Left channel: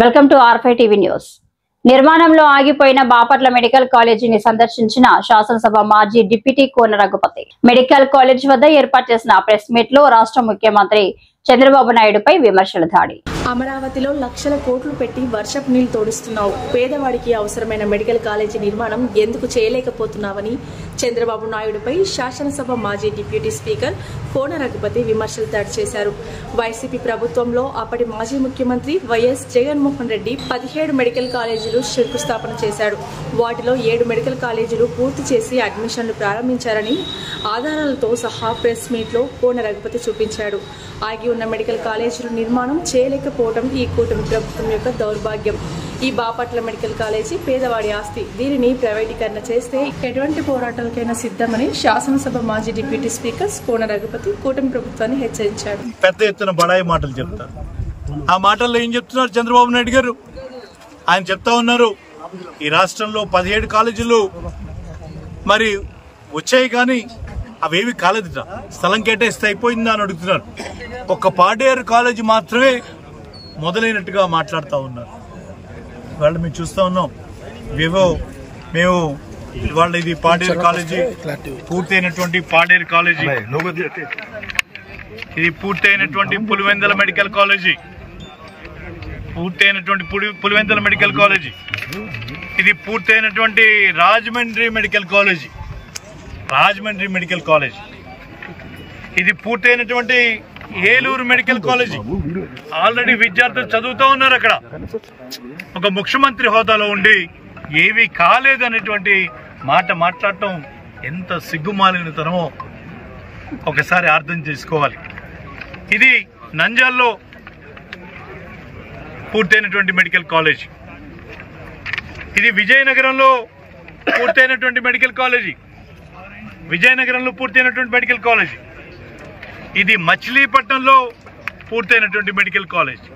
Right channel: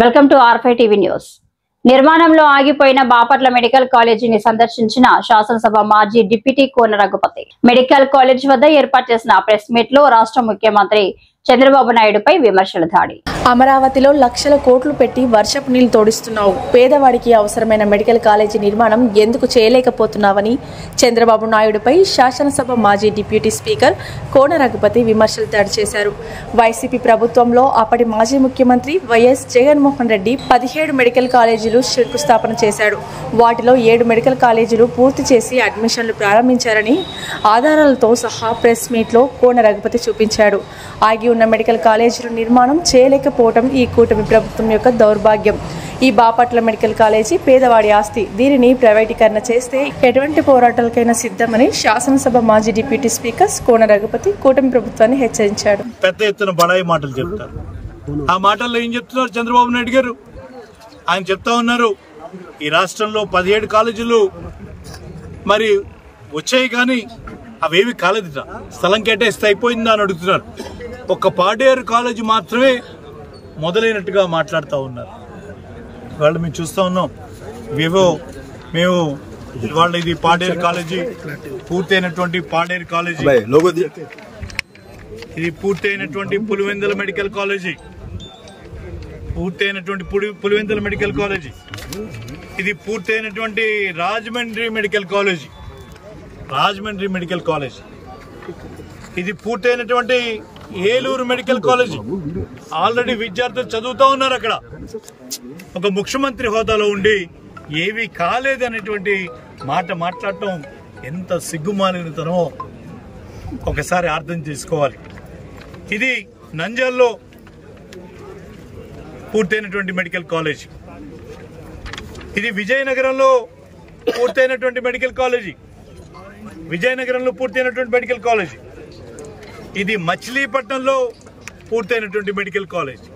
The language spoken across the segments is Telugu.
Welcome to R five TV news. నిర్మాణంలో ఆగిపోయిన బాపట్ల మెడికల్ కాలేజీని సందర్శించిన శాసనసభ మాజీ deputy Kona Raghupathi. Medical college వద్ద ఏర్పాటు చేసిన ప్రెస్ మీట్ లో రాష్ట్ర ముఖ్యమంత్రి చంద్రబాబు నాయుడుపై విమర్శల దాడి. అమరావతిలో లక్షల కోట్లు పెట్టి వర్షపు నీళ్లు తోడిస్తున్నావు, పేదవాడికి అవసరమైన మెడికల్ కాలేజీ నిర్మాణం ఎందుకు చేయలేకపోతున్నావని చంద్రబాబు నాయుడుపై శాసనసభ మాజీ డిప్యూటీ స్పీకర్ కోన రఘుపతి విమర్శలు దాడి చేశారు. వైసీపీ ప్రభుత్వంలో అప్పటి మాజీ ముఖ్యమంత్రి వైఎస్ జగన్మోహన్ రెడ్డి 17 మెడికల్ కాలేజీలు శంకుస్థాపన చేశాడు. వాటిలో 7 మెడికల్ కాలేజీలు పూర్తి చేసి అడ్మిషన్లు ప్రారంభించారని ఆధారాలతో సహా ప్రెస్ మీట్లో కోన రఘుపతి చూపించాడు. ఆగి ఉన్న మెడికల్ కాలేజీల నిర్మాణం చేయలేకపోవడం ఈ కూటమి ప్రభుత్వం యొక్క దౌర్భాగ్యం. ఈ బాపట్ల మెడికల్ కాలేజీ పేదవాడి ఆస్తి. దీనిని ప్రైవేటీకరణ చేస్తే ఎటువంటి పోరాటాలకైనా సిద్ధమని శాసనసభ మాజీ డిప్యూటీ స్పీకర్ కోన రఘుపతి కూటమి ప్రభుత్వాన్ని హెచ్చరించాడు. పెద్ద ఎత్తున బడాయి మాటలు చెప్తారు. ఆ మాటల్లో ఏం చెప్తున్నారు చంద్రబాబు నాయుడు గారు? ఆయన చెప్తా ఉన్నారు, ఈ రాష్ట్రంలో 17 కాలేజీలు మరి వచ్చాయి, కానీ అవేవి కాలేదుట, స్థలం కేటాయిస్తే అయిపోయిందా అని అడుగుతున్నారు. ఒక్క పాడేరు కాలేజీ మాత్రమే మొదలైనట్టుగా మాట్లాడుతూ ఉన్నారు. వాళ్ళు మేము చూస్తూ ఉన్నాం. మేము ఇవాళ ఇది పాడేరు కాలేజీ, పూర్తయినటువంటి పాడేరు కాలేజీ, ఇది పూర్తయినటువంటి పులివెందుల మెడికల్ కాలేజీ, పూర్తయినటువంటి పులివెందుల మెడికల్ కాలేజీ, ఇది పూర్తయినటువంటి Rajahmundry medical college, Rajahmundry medical college, ఇది పూర్తయినటువంటి ఏలూరు మెడికల్ కాలేజీ. ఆల్రెడీ విద్యార్థులు చదువుతూ ఉన్నారు అక్కడ. ఒక ముఖ్యమంత్రి హోదాలో ఉండి ఏవి కాలేదనేటువంటి మాట మాట్లాడటం ఎంత సిగ్గుమాలినతనమో ఒకసారి అర్థం చేసుకోవాలి. ఇది నంద్యాలలో పూర్తయినటువంటి మెడికల్ కాలేజీ, ఇది విజయనగరంలో పూర్తయినటువంటి మెడికల్ కాలేజీ, విజయనగరంలో పూర్తయినటువంటి మెడికల్ కాలేజీ, ఇది మచిలీపట్నంలో పూర్తయినటువంటి మెడికల్ కాలేజ్,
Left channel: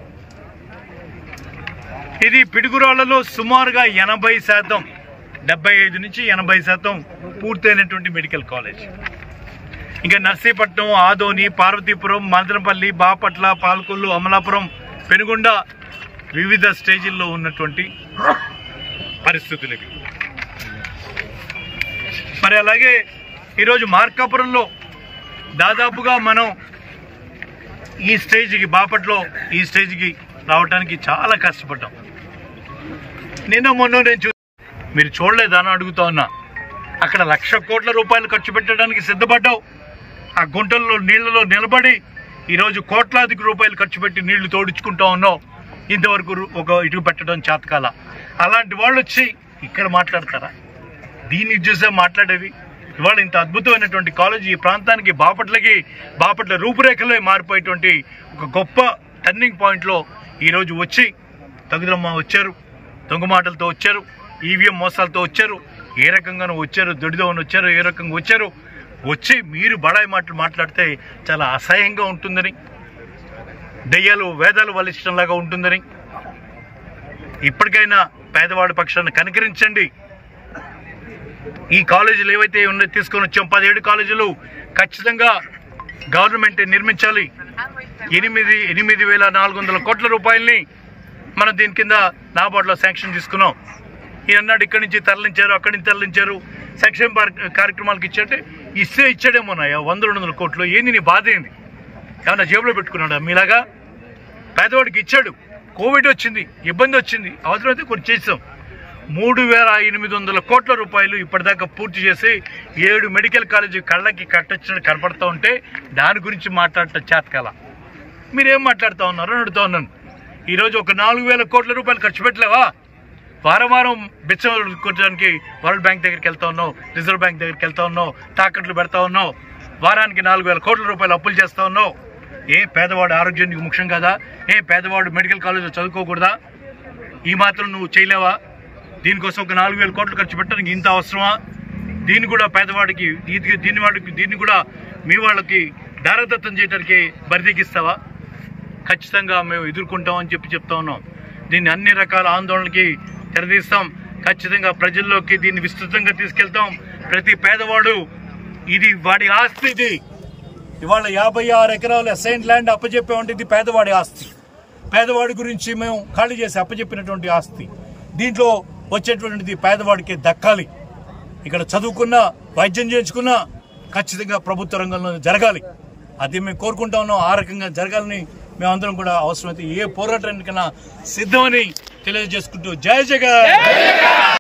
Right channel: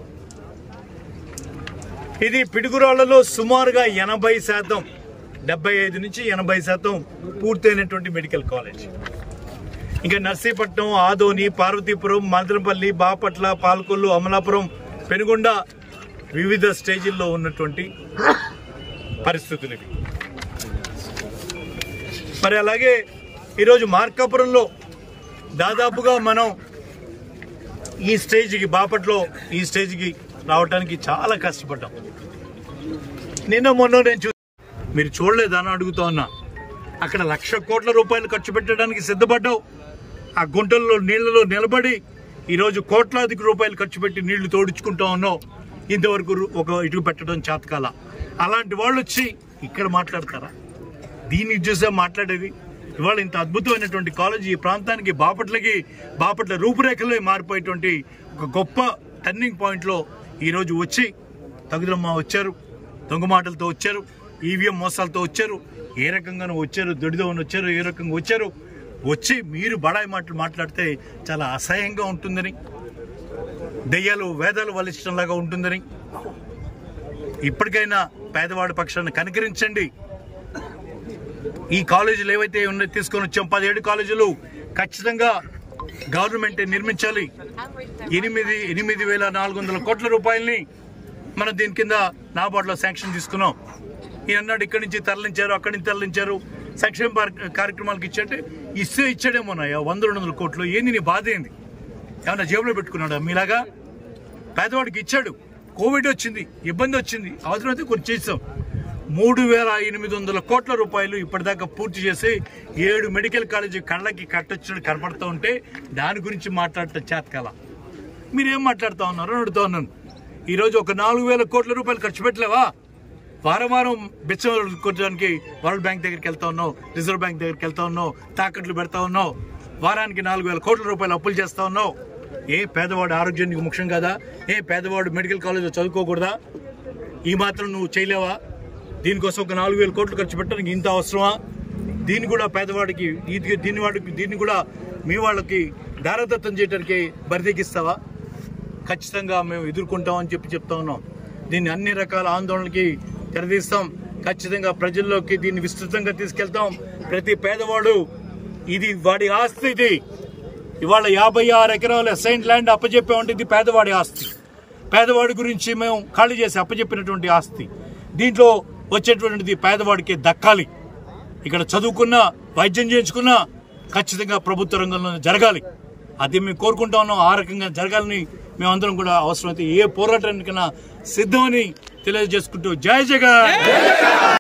ఇది పిడుగురాళ్లలో సుమారుగా 80%, 75 నుంచి 80% పూర్తయినటువంటి మెడికల్ కాలేజ్. ఇంకా నర్సీపట్నం, ఆదోని, పార్వతీపురం, మదనపల్లి, బాపట్ల, పాలకొల్లు, అమలాపురం, పెనుగొండ వివిధ స్టేజీల్లో ఉన్నటువంటి పరిస్థితులు ఇవి. మరి అలాగే ఈరోజు మార్కాపురంలో దాదాపుగా మనం ఈ స్టేజ్కి, బాపట్లో ఈ స్టేజ్కి రావడానికి చాలా కష్టపడ్డాం. మొన్న నేను మీరు చూడలేదని అడుగుతా ఉన్నా. అక్కడ 1,00,000 కోట్ల రూపాయలు ఖర్చు పెట్టడానికి సిద్ధపడ్డావు. ఆ గుంటల్లో నీళ్లలో నిలబడి ఈరోజు కోట్లాది రూపాయలు ఖర్చు పెట్టి నీళ్లు తోడించుకుంటా ఉన్నావు. ఇంతవరకు ఒక ఇటుకు పెట్టడం చేతకాల. అలాంటి వాళ్ళు వచ్చి ఇక్కడ మాట్లాడతారా? దీన్ని చూసే మాట్లాడేది. ఇవాళ ఇంత అద్భుతమైనటువంటి కాలేజీ ఈ ప్రాంతానికి, బాపట్ల రూపురేఖలే మారిపోయేటువంటి ఒక గొప్ప టర్నింగ్ పాయింట్లో ఈరోజు వచ్చి తగుదమ్మ వచ్చారు, దొంగ మాటలతో వచ్చారు, ఈవీఎం మోసాలతో వచ్చారు, ఏ రకంగానూ వచ్చారు, దొడిదోని వచ్చారు, ఏ రకంగా వచ్చి మీరు బడాయి మాటలు మాట్లాడితే చాలా అసహ్యంగా ఉంటుందని, దెయ్యాలు వేదాలు వలించడంలాగా ఉంటుందని, ఇప్పటికైనా పేదవాడి పక్షాన్ని కనికరించండి. ఈ కాలేజీలు ఏవైతే ఉన్నాయో తీసుకొని వచ్చాం, 17 కాలేజీలు ఖచ్చితంగా గవర్నమెంట్ నిర్మించాలి. 8,400 కోట్ల రూపాయలని మనం దీని కింద నాబార్డులో శాంక్షన్ తీసుకున్నాం. ఈయన్నాడు ఇక్కడి నుంచి తరలించారు, అక్కడి నుంచి తరలించారు, సంక్షేమ కార్యక్రమాలకు ఇచ్చారంటే ఇచ్చాడేమోనాయా 100-200 కోట్లు. ఏంది నీ బాధ? ఏంది? ఏమన్నా జేబులో పెట్టుకున్నాడా? మీలాగా పేదవాడికి ఇచ్చాడు. కోవిడ్ వచ్చింది, ఇబ్బంది వచ్చింది, అవసరమైతే కొన్ని చేసాం. 3,800 కోట్ల రూపాయలు ఇప్పటిదాకా పూర్తి చేసి 7 మెడికల్ కాలేజీ కళ్ళకి కట్టొచ్చినట్టు కనపడతా ఉంటే దాని గురించి మాట్లాడటం చేతకాల. మీరేం మాట్లాడుతూ ఉన్నారో అడుగుతూ ఉన్నాను. ఈరోజు ఒక 4,000 కోట్ల రూపాయలు ఖర్చు పెట్టలేవా? వారం బిచ్చం కొట్టడానికి వరల్డ్ బ్యాంక్ దగ్గరికి వెళ్తా ఉన్నావు, రిజర్వ్ బ్యాంక్ దగ్గరికి వెళ్తా ఉన్నావు, తాకట్లు పెడతా ఉన్నావు, వారానికి 4,000 కోట్ల రూపాయలు అప్పులు చేస్తూ ఉన్నావు. పేదవాడు ఆరోగ్యం నీకు ముఖ్యం కదా? పేదవాడు మెడికల్ కాలేజీలో చదువుకోకూడదా? ఈ మాత్రం నువ్వు చేయలేవా? దీనికోసం ఒక 4,000 కోట్లు ఖర్చు పెట్టడానికి ఇంత అవసరమా? దీన్ని కూడా పేదవాడికి, దీన్ని కూడా మీ వాళ్ళకి దారదత్తం చేయడానికి బరితెగిస్తావా? ఖచ్చితంగా మేము ఎదుర్కొంటామని చెప్తా ఉన్నాం. దీన్ని అన్ని రకాల ఆందోళనకి తెరదీస్తాం. ఖచ్చితంగా ప్రజల్లోకి దీన్ని విస్తృతంగా తీసుకెళ్తాం. ప్రతి పేదవాడు, ఇది వాడి ఆస్తి. ఇది ఇవాళ 56 ఎకరాలు అసైన్ ల్యాండ్ అప్పచెప్పామంటే ఇది పేదవాడి ఆస్తి. పేదవాడి గురించి మేము ఖాళీ చేసి అప్పచెప్పినటువంటి ఆస్తి దీంట్లో వచ్చేటువంటిది పేదవాడికి దక్కాలి. ఇక్కడ చదువుకున్న వైద్యం చేయించుకున్నా ఖచ్చితంగా ప్రభుత్వ రంగంలో జరగాలి. అది మేము కోరుకుంటా ఉన్నాం. ఆ రకంగా జరగాలని మేమందరం కూడా అవసరమైతే ఏ పోరాటానికైనా సిద్ధమని తెలియజేసుకుంటూ జై జగన్.